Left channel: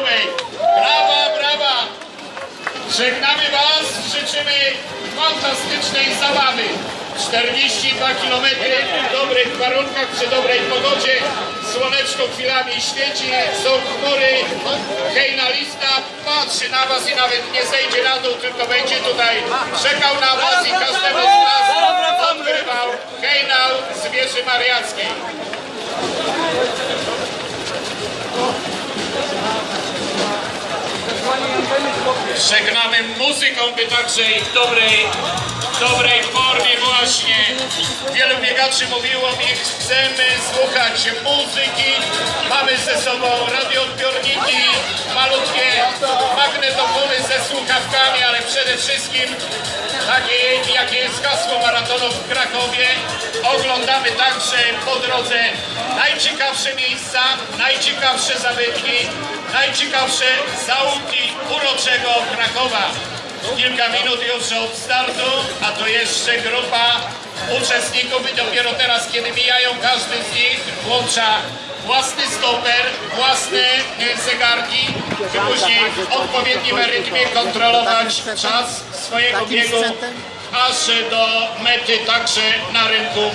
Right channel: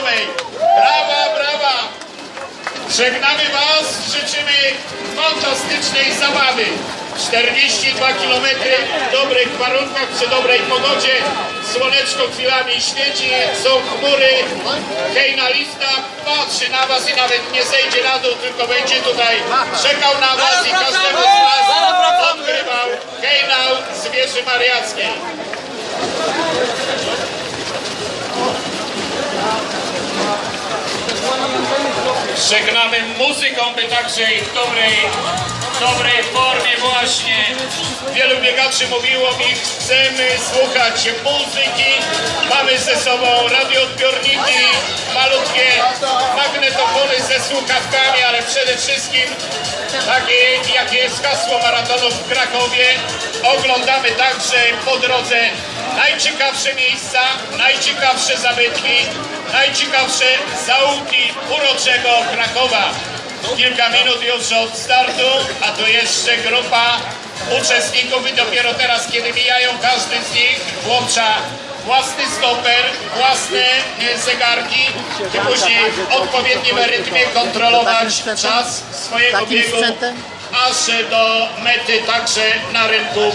Krakowej. Brawa, brawa! Żegnamy Was, życzymy fantastycznej zabawy. 42 km w dobrych warunkach, przy dobrej pogodzie. Słoneczko chwilami świeci, są chmury. Hejna lifta patrzy na Was i nawet nie zejdzie na dół, tylko będzie tutaj czekał na Was i każdego z Was odgrywał hejnał z wieży mariackiej. Żegnamy muzyką, by także i w dobrej, dobrej formie właśnie. Wielu biegaczy mówiło mi, chcemy słuchać muzyki. Mamy ze sobą radioodbiorniki, słuchawkami, ale przede wszystkim takie, jakie jest hasło maratonu w Krakowie. Oglądamy także po drodze najciekawsze miejsca, najciekawsze zabytki, najciekawsze zaułki uroczego Krakowa. Kilka minut już od startu, a tu jeszcze grupa uczestników i dopiero teraz, kiedy mijają każdy z nich, włącza własny stoper, własne zegarki, później w odpowiednim rytmie kontrolować czas swojego biegu, aż do mety także na rynku